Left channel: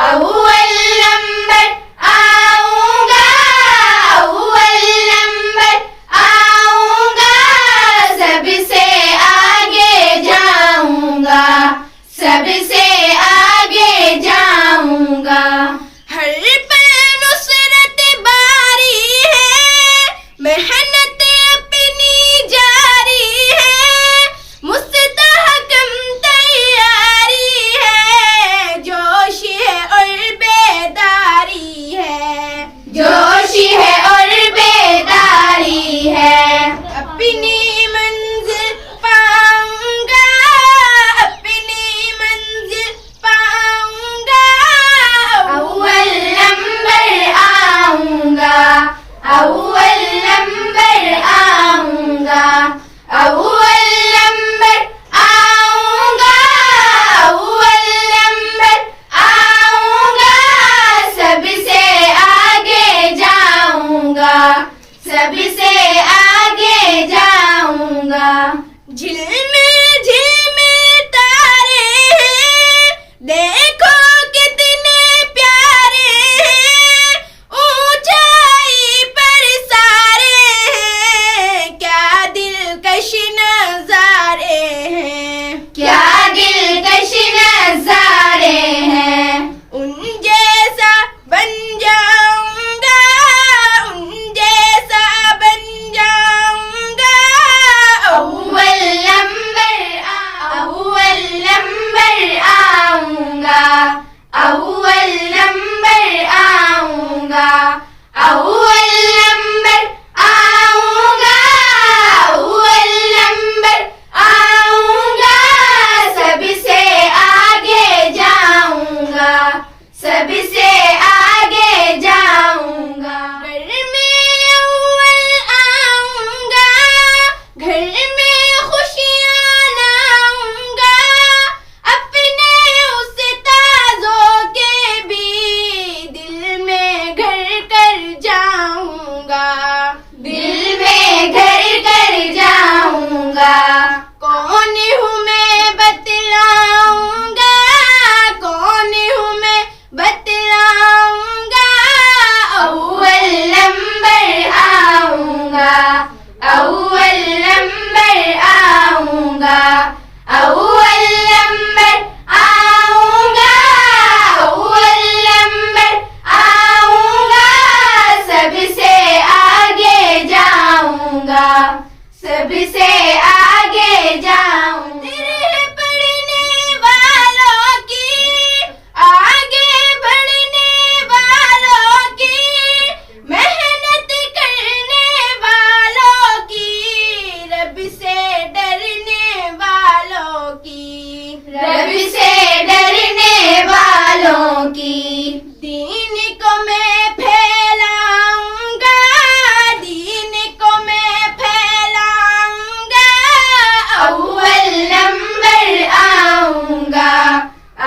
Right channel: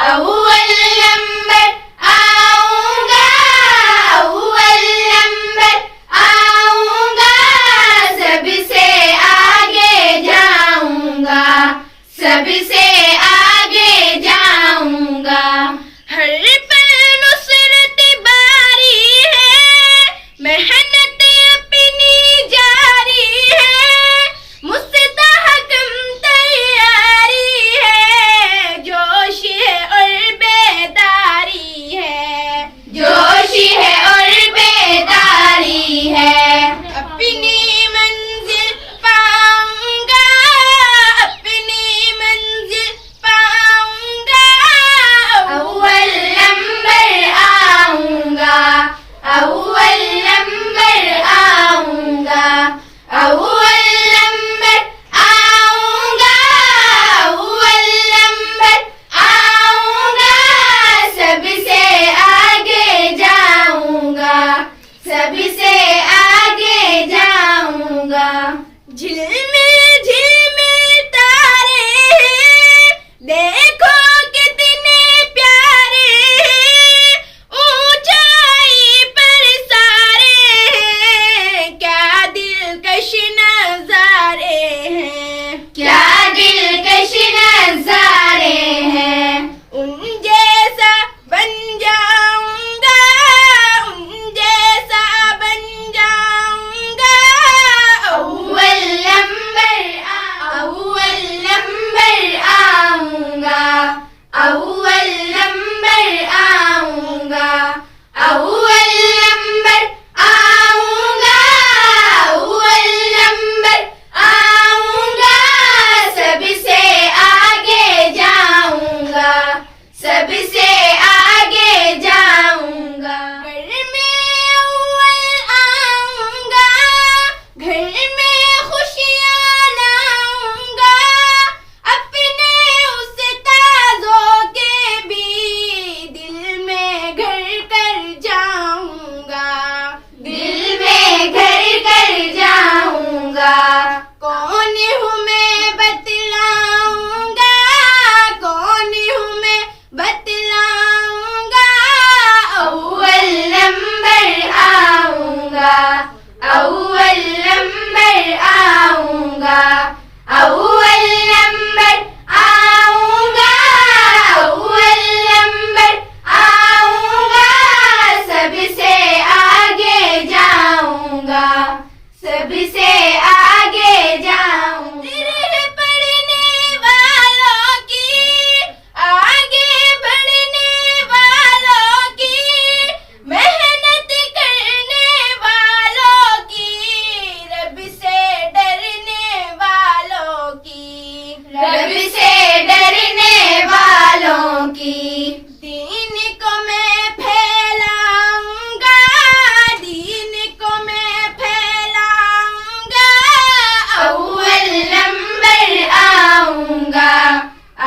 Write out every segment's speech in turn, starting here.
अव्वल नंबर आऊंगा, अव्वल नंबर आऊंगा, सबसे आगे जाऊंगा, सबसे आगे जाऊंगा। हर पल नुसरत बारी है, मेहनत अपनी जारी है, मुस्तहकम तैयारी है, जोश है और बेदारी है, जोश है और बेदारी है। अपनी मंजिल पाऊंगा, अपनी मंजिल पाऊंगा, अव्वल नंबर आऊंगा, अव्वल नंबर आऊंगा, अव्वल नंबर आऊंगा, अव्वल नंबर आऊंगा, सबसे आगे जाऊंगा, सबसे आगे जाऊंगा। झिलमिल झिलमिल तारे हैं, देखो कितने प्यारे हैं, ऊंचाई पर सारे हैं, क्या दिलकश नजारे हैं, क्या दिलकश नजारे हैं। उन जैसा बन जाऊंगा, उन जैसा बन जाऊंगा, अव्वल नंबर अव्वल नंबर आऊंगा, अव्वल नंबर आऊंगा, अव्वल नंबर आऊंगा, अव्वल नंबर आऊंगा, सबसे आगे जाऊंगा, सबसे आगे जाऊंगा। घर में अव्वल आऊंगा, घर में खुशियाँ लाऊंगा, अपने उस्तादों के भी दिल में घर कर जाऊंगा, दिल में घर कर जाऊंगा। कौन हूँ मैं बतलाऊंगा, कौन हूँ मैं बतलाऊंगा, अव्वल नंबर आऊंगा, अव्वल नंबर आऊंगा, अव्वल नंबर आऊंगा, अव्वल नंबर आऊंगा, सबसे आगे जाऊंगा, सबसे आगे जाऊंगा। दिल पढ़ने वालों की, आगे बढ़ने वालों की, मेहनत करने वालों की, रब से डरने वालों की, रब से डरने वालों की। दीन को मैं फैलाऊंगा, दीन को मैं फैलाऊंगा, अव्वल नंबर आऊंगा,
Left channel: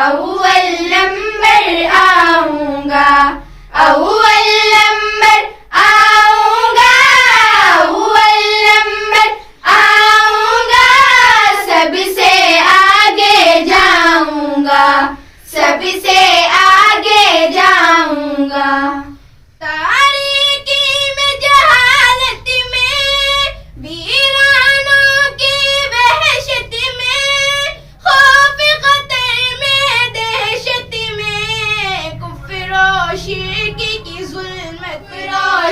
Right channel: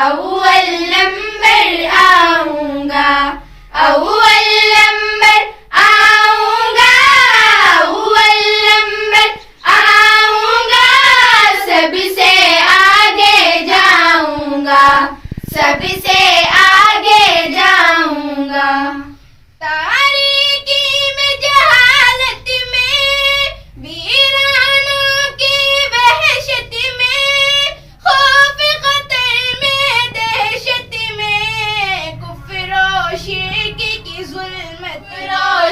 अव्वल नंबर आऊंगा, अव्वल नंबर आऊंगा, अव्वल नंबर आऊंगा, सबसे आगे जाऊंगा, सबसे आगे जाऊंगा। तारीकी में जहालत में, वीरानों की वहशत में, खौफ खतर में दहशत में, कुफ्र और शिर्क की जुल्मत,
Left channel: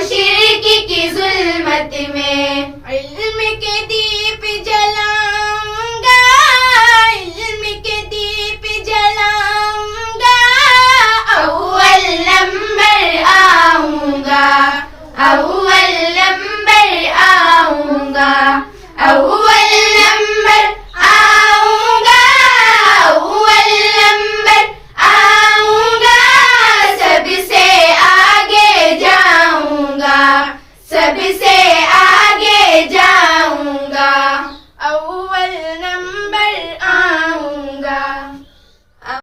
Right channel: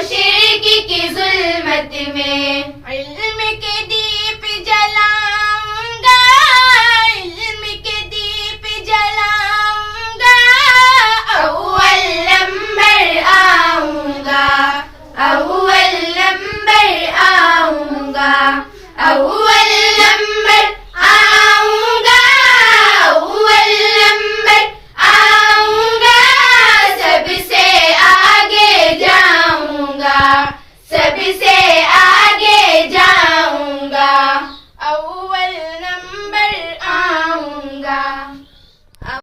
शिर्क की जुल्मत में, इल्म के दीप जलाऊंगा, इल्म के दीप जलाऊंगा, अव्वल नंबर आऊंगा, अव्वल नंबर आऊंगा, अव्वल नंबर आऊंगा, अव्वल नंबर आऊंगा, सबसे आगे जाऊंगा, सबसे आगे जाऊंगा, अव्वल नंबर